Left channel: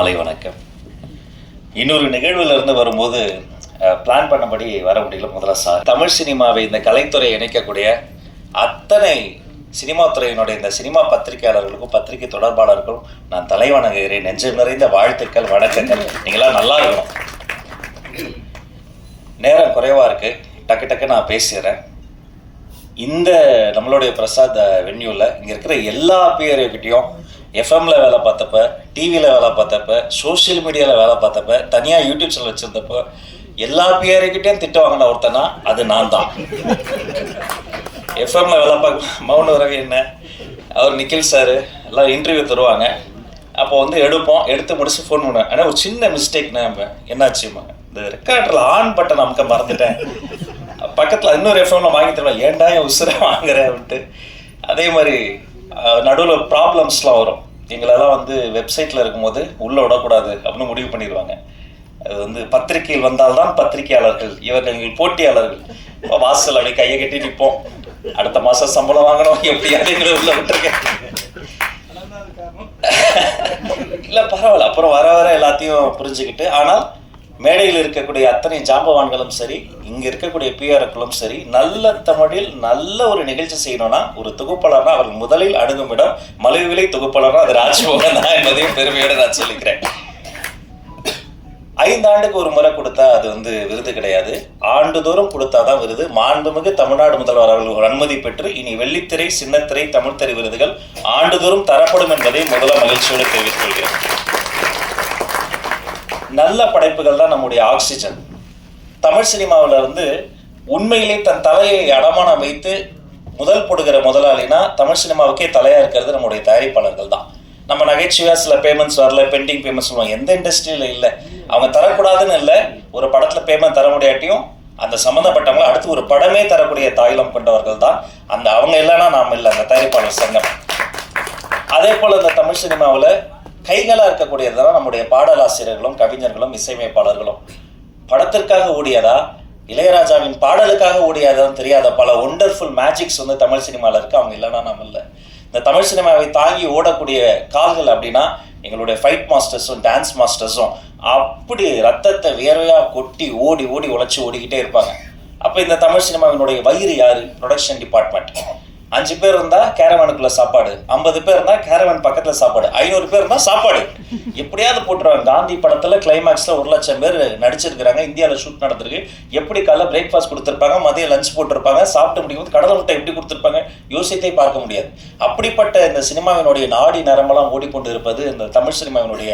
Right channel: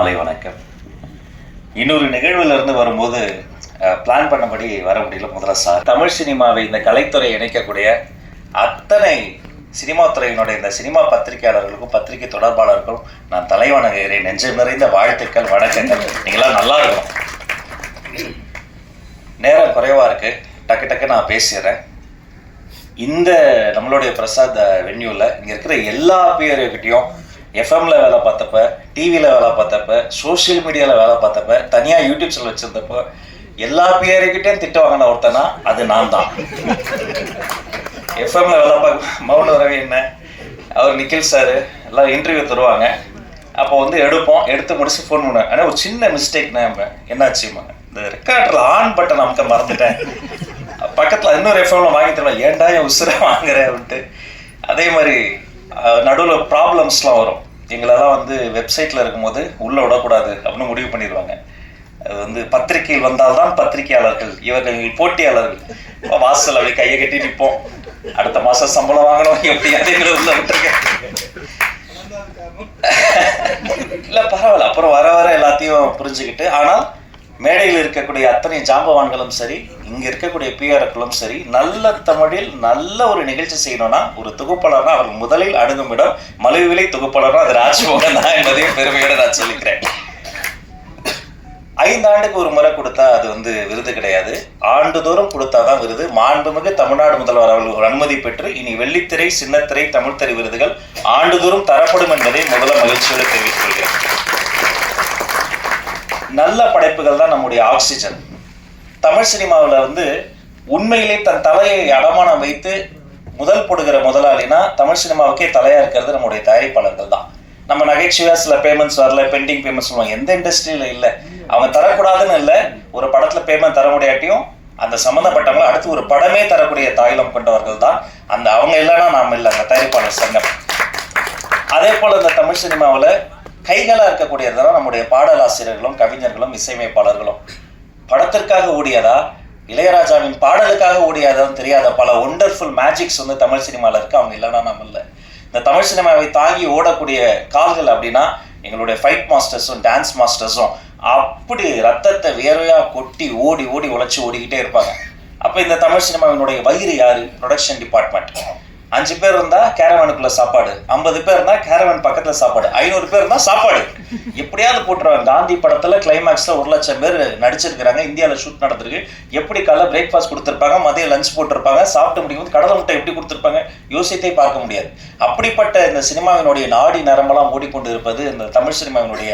மாலை வணக்கம். இன்னொரு நிகழ்வில் இருந்து வரும்போது பிளான் பண்ணபடி வர முடியல. முதல்ல சார், தமிழ் சினிமாவை இந்த கலைத்துறை இணைக்கக்கூடிய அத்தனை சினிமா துறையினுடைய இந்த சினிமா பத்திரிகையாளர்களுக்கும் பத்திரிகை தொடர்பாளர்களுக்கும் நான் தலைவணங்குகிறேன். நெஞ்சம் நிறைந்த வாழ்த்துக்கள், வணக்கங்கள். நீங்களாம் நல்லா இருக்கணும். நேரம் குறைவாக இருக்குது, டக்கு நான் பேசிடுறேன். இந்த நம்மளுடைய பிரசாத் வென்யூவில் இங்கே இருக்கிற எல்லா பேருக்கிட்டையும் எஃப்எம்ல வேலை பார்த்தப்ப, டிவியில் வேலை பார்த்தப்ப, சோஷியல் மீடியாவில் வேலை பார்த்தப்ப, தனியாக யூடியூப் சேனல் வச்சுருந்தப்போ எல்லா பேருக்கிட்டையும் திட்டம் வாங்கின ஒருத்தனா அது நான் தான். எஃப்எம்ல வேலை பார்க்க மௌன ரவி என்ன, அவர் நிக்கில் சார் எல்லாம் இன்டர்வியூ தருவாங்க. அப்போ எடுத்து முடிச்சு ஃபோன் பண்ணுவேன். ஆனால் ஒரு சின்ன மிஸ்டேக்னா என்னாச்சுமா, இந்த ரெக்கார்டரில் ஆன் பட்டன் அமுக்க மறந்துட்டேன். பக்கத்தில் இன்னொரு எஃப்எம்ல வாங்கி தருவேன், ஏன்டா என் உசுரை வாங்குறேன் அப்படின்ட்டு. அதே மாதிரி நடுவில் ப்ராப்ளம்ஸ்லாம் வரும். எங்களெல்லாம் வெப்சைட்டில் இருக்கும்போது உள்ளே விடக்கூடாது அப்படின்னு முடிவு பண்ணிடுவாங்க. அது பத்திரிகையில் வந்தால்தான் பத்திரிகையாளர்கள், இவர்கள் போட்டியாளர்கள். வாசல் அப்படி கையை கட்டி நிற்போம், அடுத்த மாதம் சம்பளம் வாங்கணும் எப்படியாவது உள்ள விட்டுருக்கேன். இல்லை பரவாயில்ல, அப்புறம் வர எல்லாத்தையும் புரிஞ்சுக்கிட்டு. ஆனால் மேடையில் இருக்கக்கூடிய அத்தனை ஜாம்பவான்களும் சரி, இங்கே இருக்கக்கூடிய பிஆர்களும் சரி, நல்ல தமிழில் நல்ல ஒரு நிகழ்ச்சி செய்யணும்னா ஒரு தொகுப்பாளர்னா அவர் முதலில் அணுகும் இடம் மலிவிலை தொகுப்பாளர்னா அது ராஜ்மோகன் தான் என்பதையும் பெருமையோட நான் சொல்லிக்கிறேன். 5 ஆண்டுக்கு ஒரு முறை கொடுத்தா அது விருது கிடையாது, ஆண்டுதோறும் கொடுத்தாதான் விருது. மாண்புமிகு தமிழ்நாடு முதல்வர் அவர்கள் அனுமதி பெற்று இனி வெள்ளித்திரை, சின்னத்திரை, தமிழ்த்திரை விருதுகள் ஆண்டுதோறும் தரப்படும் என்பதை முதல்ல மகிழ்ச்சியோடு தெரிவித்துக் கொள்கிறேன். நல்ல படைப்புகள் தான் நம்முடைய ஆக்சிஜன். தமிழ் சினிமாவில் உண்மையிலே தன் தலையை அடமானம் வைத்து முதல் போடுகிற முதலாளினா தமிழ் சினிமாவுக்கே தலையாக இருக்கிறது நம்முடைய தயாரிப்பாளர்கள் தான். நம்ம நகைச்சுவையாக சில பேமெண்ட்ஸ் வரல, பெண்டிங் பேமெண்ட்ஸ் சொல்லுவாங்க. எந்த இண்டஸ்ட்ரியில் இல்லை, அவங்க தரக்கூடாதுன்னு இல்லை. ஒரு படத்தில் பேமெண்ட் தர முடியாட்டியும் அந்த சம்மந்தப்பட்டவங்க அடுத்து ஒரு படமே தரக்கூடிய தாயிலம் கொண்டவர்கள் தான். அவங்க இல்லைன்னா நாம் இல்லை, அந்த தயாரிப்பாளர் சங்கம். அதே போல் இந்த தமிழ் சினிமாவில் கைகளாக இருக்கக்கூடியதுதான் நம்முடைய பாடலாசிரியர்களும் கவிஞர்களும் இசையமைப்பாளர்களும். படத்திற்காக ஓடியதா, இளையராஜாவின் பாடலுக்காக ஓடியதான்னு தெரியாத பல ஒண்டர்ஃபுல் மேஜிக்ஸ் தமிழ் சினிமாவில் இருக்கு. அவங்க இல்லைன்னா நம்ம இல்லை. இந்த தமிழ் சினிமாவை தாங்கி ஓடக்கூடிய கால்கள் அப்படின்னா எங்களுடைய ஃபைட் மாஸ்டர்ஸும் டான்ஸ் மாஸ்டர்ஸும் அப்படி ரத்தத்தை வியர்வையாக கொட்டி ஓடி உழைச்சி ஓடிக்கிட்டே இருப்பாங்க. அப்போ இந்த தமிழ் சினிமாவினுடைய வயிறு யாரு? Production department. 5 பேர் இருந்தால் கேரவனுக்குள்ள சாப்பாடு, 50 பேர் இருந்தால் கேரவன் பக்கத்தில் சாப்பாடு, 500 பேர் இருந்தால் சாப்பாடு எப்படியாவது போட்டுருவாங்க. காந்தி படத்தில் கிளைமேக்ஸில் 1,00,000 பேர் நடிச்சிருக்கிறாங்க, இந்தியாவில் ஷூட் நடந்திருக்கு. எப்படி காலைல பிரேக்ஃபாஸ்ட் கொடுத்துருப்பாங்க, மதியம் லஞ்ச் போட்டிருப்பாங்க, சாப்பிட்டு முடிக்கும்போது கடலை முட்டை எப்படி கொடுத்துருப்பாங்க யோசித்தே பார்க்க முடியாது. அப்படிப்பட்ட இந்த சினிமாவினுடைய நாடி நரம்பெல்லாம் ஓடிக்கொண்டு இருப்பது இந்த தமிழ் சினிமாவினுடைய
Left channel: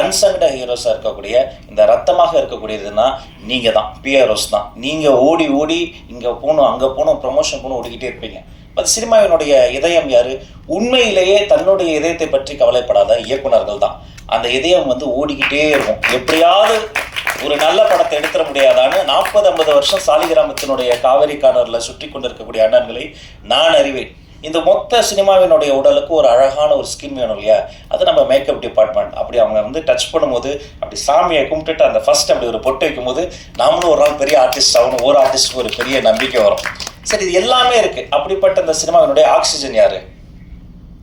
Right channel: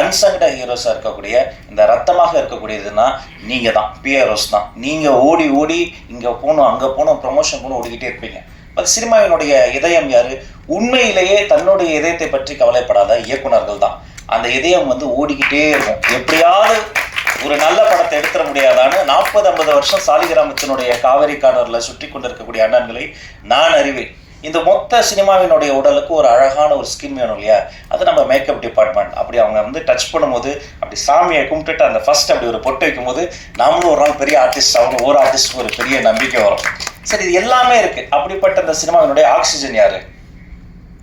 அன்சங்ட ஹீரோஸாக இருக்கக்கூடிய, இந்த ரத்தமாக இருக்கக்கூடியதுன்னா நீங்கள் தான், பிஆர்ஓஸ் தான். நீங்கள் ஓடி இங்கே போகணும் அங்கே போகணும் ப்ரொமோஷன் போகணும் ஓடிக்கிட்டே இருப்பீங்க. அது சினிமாவினுடைய இதயம் யாரு? உண்மையிலேயே தன்னுடைய இதயத்தை பற்றி கவலைப்படாத இயக்குனர்கள் தான். அந்த இதயம் ஓடிக்கிட்டே இருக்கும். எப்படியாவது ஒரு நல்ல படத்தை எடுத்துட முடியாதான்னு 40-50 வருஷம் சாலிகிராமத்தினுடைய காவிரி கார்னரில் சுற்றி கொண்டிருக்கக்கூடிய அண்ணன்களை நான் அறிவேன். இந்த மொத்த சினிமாவினுடைய உடலுக்கு ஒரு அழகான ஒரு ஸ்கின் வேணும் இல்லையா? அது நம்ம மேக்கப் டிபார்ட்மெண்ட். அப்படி அவங்க டச் பண்ணும்போது அப்படி சாமியை கும்பிட்டுட்டு அந்த ஃபர்ஸ்ட் அப்படி ஒரு பொட்டு வைக்கும்போது நாமளும் ஒரு நாள் பெரிய ஆர்டிஸ்ட் ஆகணும், ஒரு ஆர்டிஸ்டுக்கு ஒரு பெரிய நம்பிக்கை வரும். சரி, இது எல்லாமே இருக்கு. அப்படிப்பட்ட இந்த சினிமாவினுடைய ஆக்சிஜன் யாரு?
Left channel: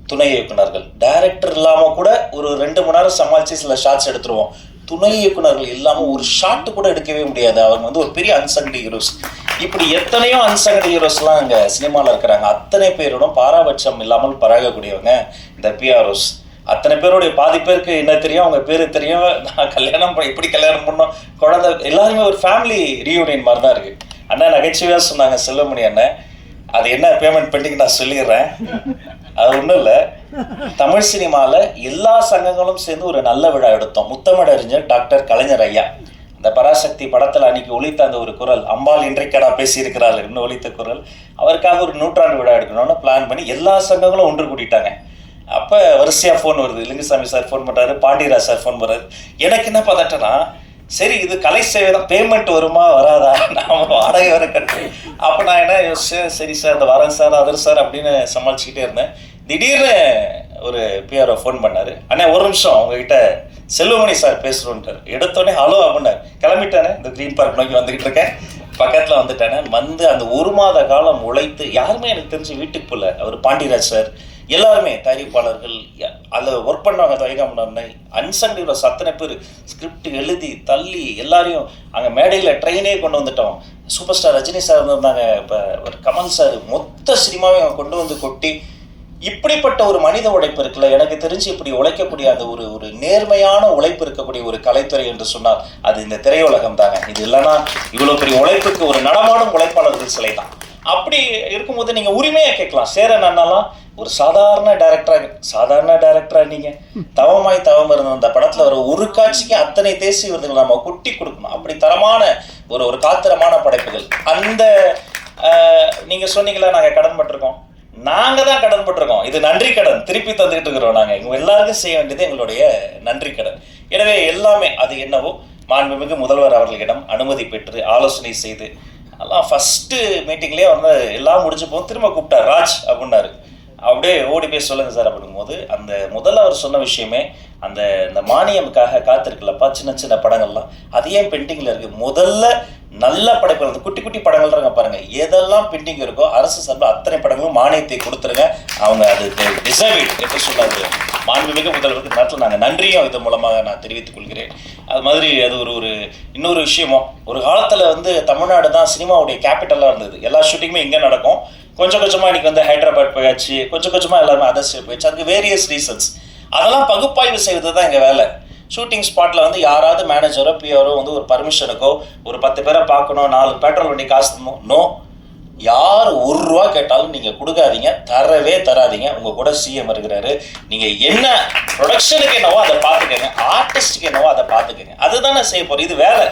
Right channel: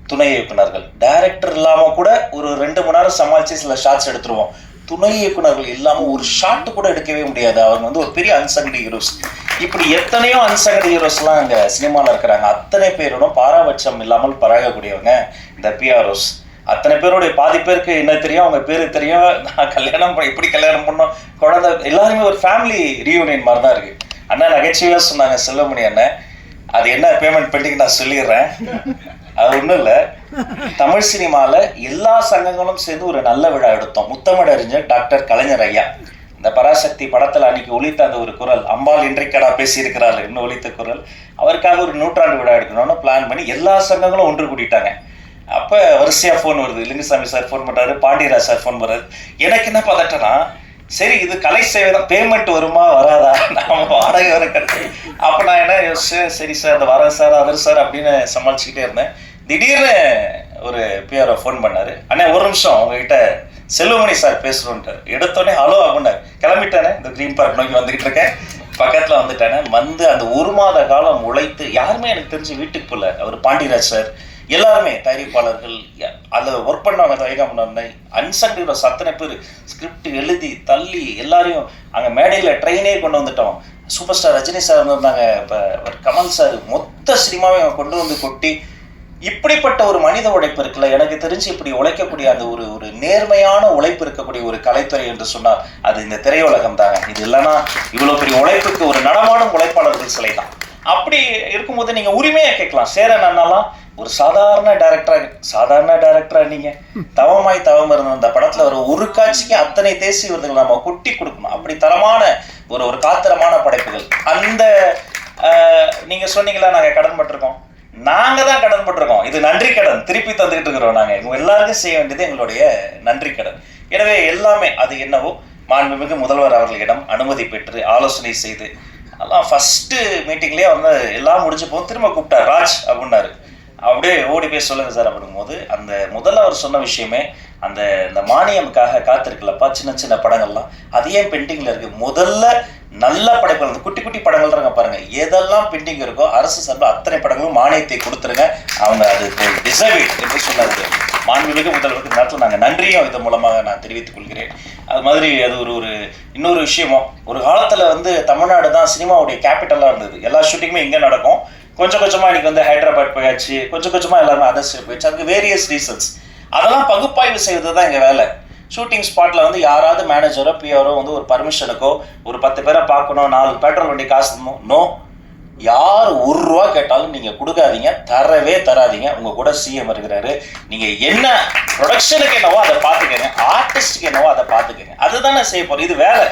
துணை இயக்குனர்கள். டைரக்டர் இல்லாமல் கூட ஒரு 2-3 நாள் சமாளித்து சில ஷாட்ஸ் எடுத்துருவோம். துணை இயக்குனர்கள் இல்லாமல் ஒரு ஷாட்டு கூட எடுக்கவே முடியாது. அவங்க ஒரு பெரிய அன்சங்டு ஹீரோஸ். இப்படி எத்தனையோ அன்சங்டு ஹீரோஸ்லாம் அங்கே சினிமாவில் இருக்கிறாங்க. அத்தனை பேரோடும் பாராபட்சம் இல்லாமல் பழகக்கூடியவங்க இந்த பிஆர்ஓஸ். அத்தனை பேருடைய பாதி பேருக்கு என்ன தெரியும், அவங்க பேரு தெரியும். நான் இப்படி கல்யாணம் பண்ணோம், குழந்தை, எல்லாருமே ஒரு ஃபேமிலி ரீயூனியன் மாதிரி தான் இருக்கு. அண்ணா நகைச்சுவையாக சொன்னாங்க செல்வமணி அண்ணன், அது என்ன பேமெண்ட் பெண்டிங் நான் சொல்லிடுறேன். அது ஒன்றும் இல்லை, தமிழ் சினிமாவில் எல்லா சங்கங்களும் சேர்ந்து ஒரு நல்ல விழா எடுத்தோம். முத்தமிழறிஞர் டாக்டர் கலைஞர் ஐயா இந்த பராசக்தி படத்தில் அன்னைக்கு ஒலித்த அந்த ஒரு குரல், அம்பாள் இன்றைக்கடா பேசியிருக்கிறாள் இன்னும் ஒலித்த குரல், அவருக்காக ஒரு 100ஆண்டு விழா எடுக்கணும்னு பிளான் பண்ணி எல்லா சங்கங்களும் ஒன்று கூட்டிட்டாங்க. அப்போ வரிசையாக ஃபோன் வருது. லிங்குசாமி சார் ஃபோன் பண்ணுறாரு, பாண்டியராஜ் சார் ஃபோன் பண்ணுறாரு. எனக்கு என்ன பதட்டனா, சரி இது கலை சேவை தான், பேமெண்ட் வருமா வராதா, நாம வாடகை வர கட்டு. அப்போ நான் என்ன யோசிச்சேன், சரி சார் அந்த வரேன் சார் அதர் சார் அப்படின்னு சமாளிச்சுக்கிட்டே இருந்தேன். திடீர்னு ஒரு பிஆர்ஓ ஃபோன் பண்ணார். அண்ணே ஒரு நிமிஷம் உங்ககிட்ட செல்வமணி சார் பேசுகிறோன்ட்டு. எடுத்தோடனே ஹலோ அப்படின்னாரு. கிளம்பிட்டானே, இந்த க்ரீன் பார்க் நோக்கி வந்துக்கிட்டு இருக்கேன். பக்கத்தில் வந்துட்டானே. அந்த 1 மாத காலம் உழைத்து யாருமே எனக்கு தெரிஞ்சு வீட்டுக்கு போகல. அவர் பாண்டியராஜ் சார், எல்லாருமே தயாரிப்பாளர்கள், அதில் ஒர்க் பண்ணவங்க, தயாரிப்பாளர் அன்சங் ஹீரோஸ் அத்தனை பேர் ஸ்கிரிப்ட் எழுதி தள்ளி எல்லாரையும் அங்கே மேடையில் ட்ரெயினே கொண்டு வந்துட்டோம். சூப்பர் ஸ்டார் ரஜினி சார் வந்திருந்தாங்க, இப்போ கமல் சார், மொத்த சினிமாவை கொண்டு வந்து கொட்டி இப்படிப்பட்ட ஒரு மனித உழைப்பு இருக்குல்ல, எனக்கு தெரிஞ்சு இப்படி உழைக்கக்கூடிய அந்த ஒரு நேர்மையான உழைப்பு இருக்கக்கூடிய ஒரு கலைத்துறை என்று சொன்னால் அது இந்த திரையுலகம் தாங்க. இது இல்லைன்னா இவ்வளோ பெரிய உழைப்புக்கு ஒரு நடமாடும் உழைப்பாளர்கள் சிலை தான். அப்படி இருக்கும்போது நீங்கள் உரிமையாக கேட்கலாம், சேரன் அண்ணாலாம் ஒரு சாதாரண டைரக்டரா நீங்க தவமாய் தவம் இருந்த அந்த படத்துல ஒரு காட்சிக்கு அத்தனை தேசிய விருதுகள் நம்ம கொட்டி கொடுக்கணும். அப்படி தரமான ஒரு காத்திரமான படைப்புகள். அந்த நீங்க சொன்னீங்களா நாங்க கடன் பட்டிருக்கோம், நாங்க தான் கடன் பட்டிருக்கோம். இது நன்றி கடன் திருப்பி தந்துகிட்டு இருக்கிறோம். நாங்க எல்லாருக்கும் செய்ய வேண்டியது எங்களுடைய நன்றி கடன். எனவே எல்லாமே அது என்னவோ மாண்புமிகு முதல்வர் அவர்களிடம் அனுமதி பெற்று ஆலோசனை செய்து அதெல்லாம் ஃபர்ஸ்ட் மீட்டிங்லேயே வந்து எல்லாம் முடிஞ்சு போகும். திரும்ப கூப்பிட்டார், ராஜ் அப்படின்னாரு. அப்படியே ஓடி போய் சொல்லுங்க சார் அப்படிங்கும்போது அந்த முதல்ல அவர் சொன்ன விஷயமே அந்த மானியமுக்காக காத்திருக்கலப்பா, சின்ன சின்ன படங்கள்லாம் அது ஏன் பெண்டிங்ல இருக்கு, முதல்ல நல்ல படங்கள், அந்த குட்டி குட்டி படங்கள் பாருங்க, எதெல்லாம் பெண்டிங் இருக்கோ அரசு சார்பில் அத்தனை படங்களும் மானியத்தை கொடுத்துருங்க, அவங்க அது டிசர்வ் என்று சொன்னார் மாண்புமிகு முதல்வருக்கு. நேரத்தில் நாங்கள் நன்றியும் இது மூலமாக நான் தெரிவித்துக் கொள்கிறேன். அது மாதிரி அது ஒரு இன்னொரு விஷயமும், ஒரு காலத்தில் வந்து தமிழ்நாடு தான் சினிமாவுடைய கேபிட்டலாக இருந்தது. எல்லா ஷூட்டிங்குமே இங்கே நடக்கும். கொஞ்சம் கொஞ்சமாக இன்னைக்கு வந்து ஹைதராபாத் போயாச்சு, கொஞ்சம் கொஞ்சமாக எல்லாருமே அதர் ஸ்டேட் போயாச்சு. அதுக்கு வேரியஸ் ரீசன்ஸ். அதெல்லாம் பகுப்பாய்வு செய்வது தான் எங்கள் வேலை. ஷூட்டிங் ஸ்பாட்டில் வந்து யாராவது மேனேஜரோ பிஆரோ வந்து ஒரு பர்மிஷனுக்கோ ஒரு 10 பேரை பார்க்கணும், 4 பெட்ரோல் வண்டி காசு நோ, யார் ₹1 கேட்டாலும் நீங்கள் கொடுக்காதீங்க, தரவே தராதிங்க. உங்கள் கூட சிஎம் இருக்கிறாரு, நீங்கள் என்ன ப்ரொடக்ஷனுக்கு என்னவோ அதை பார்த்துக்கங்க, ஆர்டிஸ்டுக்கு என்னவோ அதை பார்த்துக்கங்க. அதுதானே செய்ய போகிறோம். இது வேலை.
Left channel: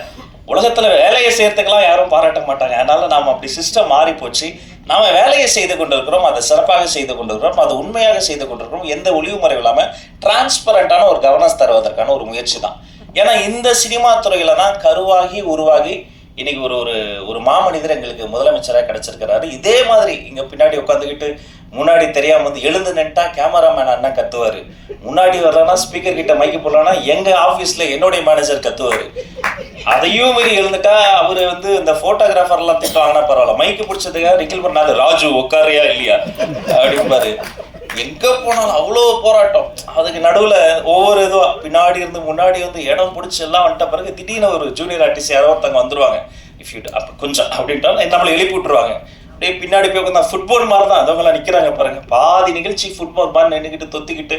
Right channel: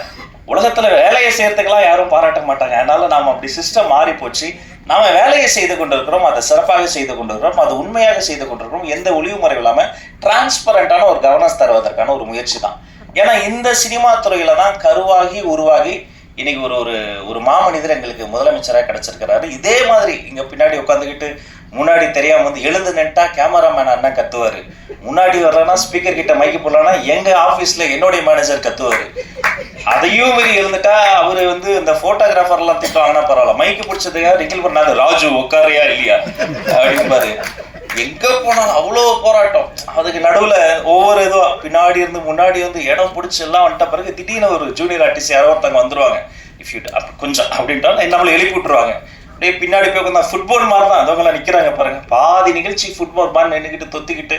உலகத்தில் வேலையை செய்யறதுக்கெல்லாம் யாரும் பாராட்ட மாட்டாங்க. அதனால நாம் அப்படி சிஸ்டம் மாறி போச்சு. நாம் வேலையை செய்து கொண்டிருக்கிறோம், அதை சிறப்பாக செய்து கொண்டிருக்கிறோம், அதை உண்மையாக செய்து கொண்டிருக்கிறோம். எந்த ஒளிவு முறை இல்லாமல் டிரான்ஸ்பரண்டான ஒரு கவர்னன்ஸ் தருவதற்கான ஒரு முயற்சி தான். ஏன்னா இந்த சினிமா துறையில தான் கருவாகி உருவாகி இன்னைக்கு ஒரு மாமனிதர் எங்களுக்கு முதலமைச்சராக கிடைச்சிருக்கிறாரு. இதே மாதிரி இங்க பின்னாடி உட்காந்துக்கிட்டு முன்னாடி தெரியாம வந்து எழுந்து நின்ட்டா கேமராமேன் அண்ணன் கத்துவாரு, முன்னாடி வரலன்னா ஸ்பீக்கர் கிட்ட மைக்கு போடலன்னா எங்க ஆபீஸ்ல என்னுடைய மேனேஜர் கத்துவாரு. அதையும் மீறி எழுந்துட்டா அவரு வந்து இந்த போட்டோகிராஃபர் எல்லாம் திட்டுவாங்கன்னா பரவாயில்ல, மைக்கு பிடிச்சதுக்காக ரிக்கில் பண்ணாது, ராஜு உட்காரியா இல்லையா அப்படிம்பாரு. எங்க போனாலும் அவ்வளோ போராட்டம். அதுக்கு நடுவில் ஒவ்வொரு இதுவும் பின்னாடி இருந்து முன்னாடி வந்து இடம் பிடிச்சி எல்லாம் வந்துட்ட பிறகு திடீர்னு ஒரு ஜூனியர் ஆர்டிஸ்ட் யாரோ ஒருத்தவங்க வந்துருவாங்க, இஃப் யூ கொஞ்சம் அப்படின்ட்டாலும் நம்மளை எழுப்பி விட்டுருவாங்க. அப்படியே பின்னாடி போய் உட்காந்து ஃபுட்பால் மாதிரி தான் அதவங்களாம் நிற்கிறாங்க பாருங்க. பாதி நிகழ்ச்சி ஃபுட்பால் மாதிரி நின்றுக்கிட்டு தொத்திக்கிட்டு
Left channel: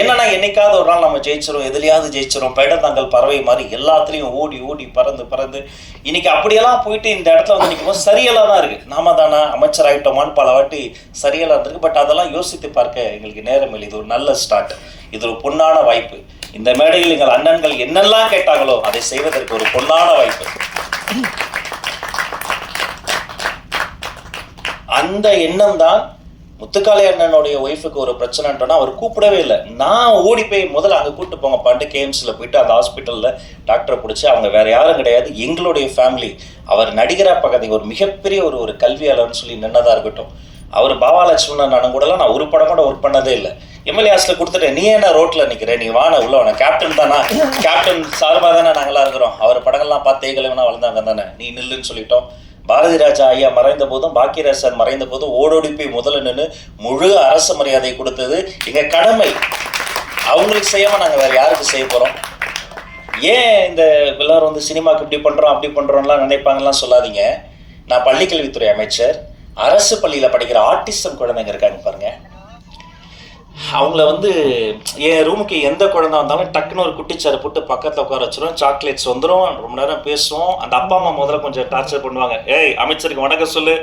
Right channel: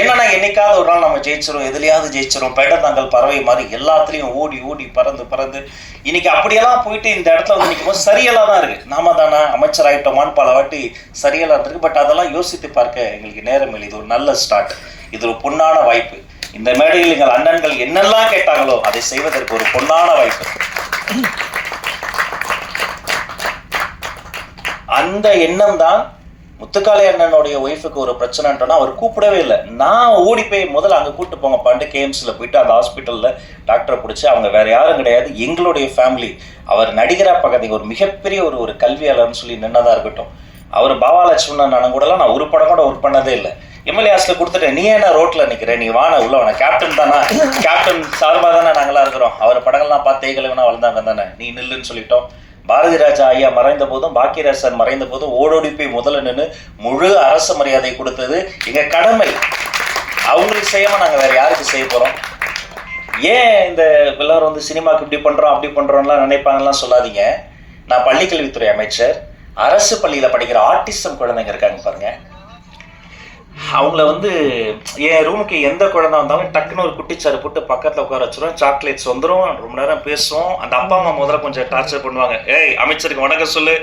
என்னன்னா என்னைக்காவது ஒரு நாள் நம்ம ஜெயிச்சிரும், எதுலையாவது ஜெயிச்சிரும், பைடத்தாங்கல் பறவை மாதிரி எல்லாத்துலேயும் ஓடி ஓடி பறந்து இன்னைக்கு அப்படியெல்லாம் போயிட்டு இந்த இடத்துல வந்து நிற்கும் போது சரியெல்லாம் தான் இருக்கு. நாம தானே அமைச்சர் ஆகிட்டோமான்னு பல வாட்டி சரியெல்லாம் இருக்கு. பட் அதெல்லாம் யோசித்து பார்க்க எங்களுக்கு நேரம் இல்லை. இது ஒரு நல்ல ஸ்டார்ட், இது ஒரு பொன்னான வாய்ப்பு. இந்த மேடையில் எங்கள் அண்ணன்கள் என்னெல்லாம் கேட்டாங்களோ அதை செய்வதற்கு ஒரு பொன்னான வாய்ப்பு. அந்த எண்ணம் தான் முத்துக்காளி அண்ணனுடைய ஒய்ஃபுக்கு ஒரு பிரச்சனைன்றோன்னா அவர் கூப்பிடவே இல்லை. நான் ஓடி போய் முதல்ல அங்கே கூப்பிட்டு போங்க பாண்டு கேஎம்ஸில் போயிட்டு அந்த ஹாஸ்பிட்டலில் டாக்டரை பிடிச்சி, அவங்க வேற யாரும் கிடையாது, எங்களுடைய ஃபேமிலி. அவர் நடிகராக பார்க்காதீங்க, ஒரு மிகப்பெரிய ஒரு கல்வியாளர்னு சொல்லி நின்னதாக இருக்கட்டும். அவர் பாவாலட்சுமணன் அண்ணன் கூடலாம் நான் ஒரு படம் கூட ஒர்க் பண்ணதே இல்லை. எம்எல்ஏ ஹாஸ்டில் கொடுத்துட்டேன், நீ என்ன ரோட்டில் நிற்கிறேன், நீ வான உள்ள வான, கேப்டன் தானே, கேப்டன் சார்பாக தானே நாங்களாம் இருக்கிறோம், அவர் படங்கள்லாம் பார்த்து தேய்களுன்னா வளர்ந்தாங்க தானே, நீ நில்லுன்னு சொல்லிட்டோம். பாரதி ராஜா ஐயா மறைந்த போதும் பாக்கியராஜ் சார் மறைந்த போதும் ஓடோடி போய் முதல்ல நின்று முழு அரசு மரியாதை கொடுத்தது எங்க கடமை. அவங்களுக்கு செய்யாம நாங்க வேற யாருக்கு செய்ய போறோம்? ஏன் இந்த எல்லாரும் வந்து சினிமாக்கு இப்படி பண்றோம் அப்படி பண்றோம்லாம் நினைப்பாங்கலாம் சொல்லாதீங்க. நான் பள்ளிக்கல்வித்துறை அமைச்சர். அரசு பள்ளியில படிக்கிற ஆர்டிசம் குழந்தைங்க இருக்காங்க பாருங்க, அவங்கள வந்து என் ரூமுக்கு எந்த குழந்தை வந்தாலும் டக்குன்னு ஒரு குட்டிச்சாறு போட்டு பக்கத்தில் உட்கார வச்சிரும், சாக்லேட்ஸ் வந்துடும், ரொம்ப நேரம் பேசுவோம். அந்த அப்பா அம்மா முதல்ல கொஞ்சம் டார்ச்சர் பண்ணுவாங்க, ஏய் அமைச்சருக்கு வணக்கம் சொல்லு,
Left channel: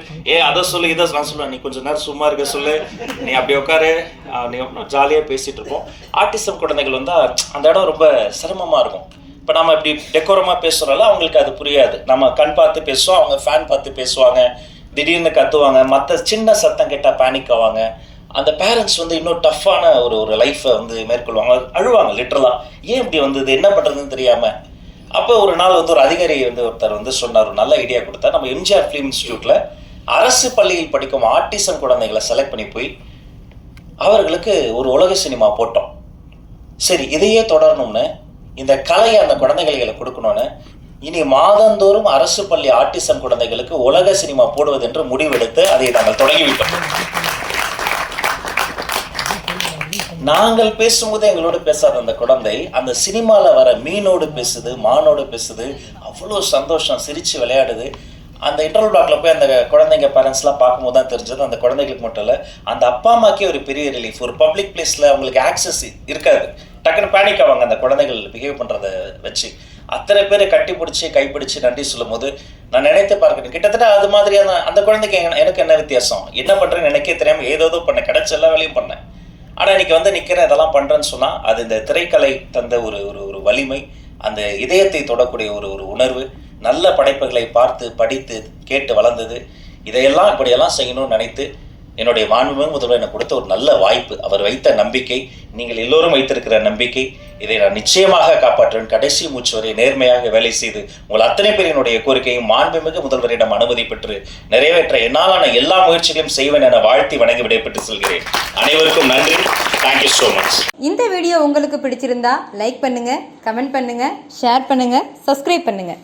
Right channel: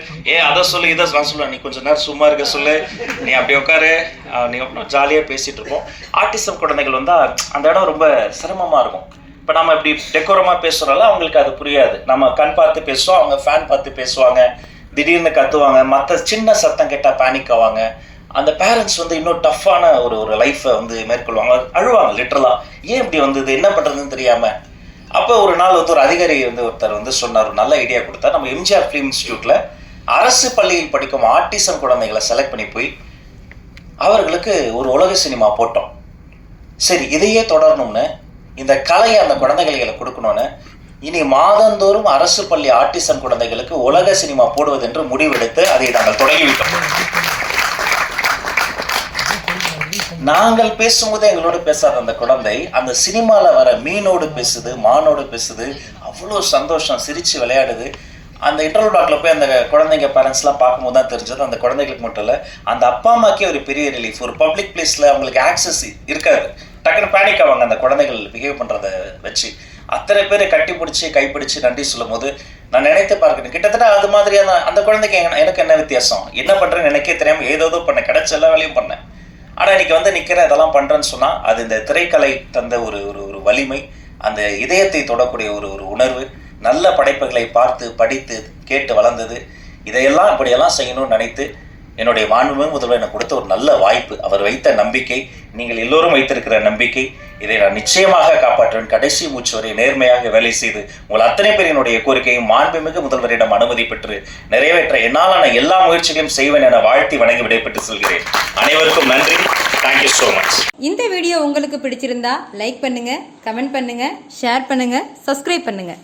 அதை சொல்லு, இதை நான் சொல்லுவேன், நீ கொஞ்சம் நேரம் சும்மா இருக்க சொல்லு, நீ அப்படி உட்காரு, நீ ஜாலியாக பேசிகிட்டு இருப்போம். ஆர்டிசம் குழந்தைகள் வந்தால் அந்த இடம் ரொம்ப சிரமமாக இருக்கும். இப்போ நம்ம இப்படி டெக்கோரமாக பேசுகிறனால அவங்களுக்கு அது புரியாது. நம்ம கண் பார்த்து பேசுவோம், அவங்க ஃபேன் பார்த்து பேசுவாங்க, திடீர்னு கத்துவாங்க, மற்ற சின்ன சத்தம் கேட்டால் பேனிக் ஆவாங்க. அந்த பேரண்ட்ஸ் வந்து இன்னும் டஃப்பான ஒரு லைஃப்பை வந்து மேற்கொள்வாங்க, அழுவாங்க லிட்டரலாக. ஏன் இப்படி வந்தது, என்ன பண்ணுறதுன்னு தெரியாமல். அப்போ ஒரு நாள் வந்து ஒரு அதிகாரி வந்து ஒருத்தர் வந்து சொன்னார், ஒரு நல்ல ஐடியா கொடுத்தா, நம்ம எம்ஜிஆர் ஃபிலிம் இன்ஸ்டியூட்டில் அரசு பள்ளியில் படிக்கும் ஆர்டிசம் குழந்தைகளை செலக்ட் பண்ணி போய் அவர்களுக்கு ஒரு உலக சினிமா போட்டோம். சரி, இதையே தொடரணும்னு, இந்த கலையை அந்த குழந்தைகளை கொடுக்கணும்னு இனி மாதந்தோறும் அரசு பள்ளி ஆர்டிசம் குழந்தைகளுக்கு உலக சினிமா போடுவது என்று முடிவெடுத்து அதை நாங்கள் தொடங்கிவிட்டோம். நாங்கள் பேசும்போது எங்களோடு பேசாத அந்த குழந்தை அந்த சினிமாவில் வர மீனோடு பேசுது, மானோடு பேசுது, அவ்வளோ சந்தோஷம், சிரித்து விளையாடுது. அந்த இன்டர்வல் பிளாக்ல போய் அந்த குழந்தைங்க பேரண்ட்ஸ்லாம் பார்க்கும்போது தான் தெரிஞ்சது, அந்த குழந்தைகளுக்கு மட்டும் இல்லை, அந்த அப்பா அம்மாக்கே ஒரு பெரிய ரிலீஃப். ஒரு பப்ளிக் பிளேஸில் அவங்களுக்கு ஆக்சஸ் இருக்காது, டக்குன்னு பேனிக் ஆவாங்க அந்த குழந்தைகள் பிஹேவ் பண்ணுறத வச்சு. அத்தனை பேரை கட்டி பிடிச்சி கைப்பிடிச்சு நன்றி சொல்லும் போது நான் நினைத்து பார்க்கணும், கிட்டத்தட்ட அது மாதிரியான அந்த குழந்தைக்கு எனக்கு என்ன வித்தியாசம், என்ன பண்ணுறேன்னு எனக்கே தெரியாமல் ஏதோ பண்ணேன், கிடைச்ச எல்லா வேலையும் பண்ணேன். ஆனால் இன்னைக்கு வந்து நிற்கிறேன், இதெல்லாம் பண்ணுறேன்னு சொன்னால் அது இந்த திரைக்கலை தந்த ஒரு ஒரு வலிமை, அந்த இதயத்தை தொடக்கூடிய ஒரு ஒரு உணர்வு, நல்ல படைப்புகளை பார்த்து படித்து கேட்டு வளர்ந்தது. இதையெல்லாம் இப்படியெல்லாம் செய்யணும்னு நினைத்து என்னுடைய மாண்புமிகு முதல்வர் எனக்கு கொடுத்த ஒரு நல்ல வாய்ப்பு, அவர் வைத்த நம்பிக்கை, நீங்கள் எல்லோரும் வைத்திருக்கிற நம்பிக்கை, இதை நான் நிச்சயமாக காப்பாற்றுவேன். கடைசி மூச்சு வரை நேர்மையாக வேலை செய்து உங்கள் அத்தனை பேர் என்னுடைய கோரிக்கையும் மாண்புமிகு முதல்வரிடம் அனுமதி பெற்று நிறைவேற்ற என்னாலான எல்லா முயற்சிகளையும் செய்வேன் என வாழ்த்தி வணங்கி விடைபெற்று செல்கிறேன். அனைவருக்கும் நன்றி. Thank you so much. இந்த வீடியோ உங்களுக்கு பிடிச்சிருந்தா லைக் பண்ணுங்க, கமெண்ட் பண்ணுங்க, ஷேர் பண்ணுங்க, சப்ஸ்கிரைப் பண்ணுங்க.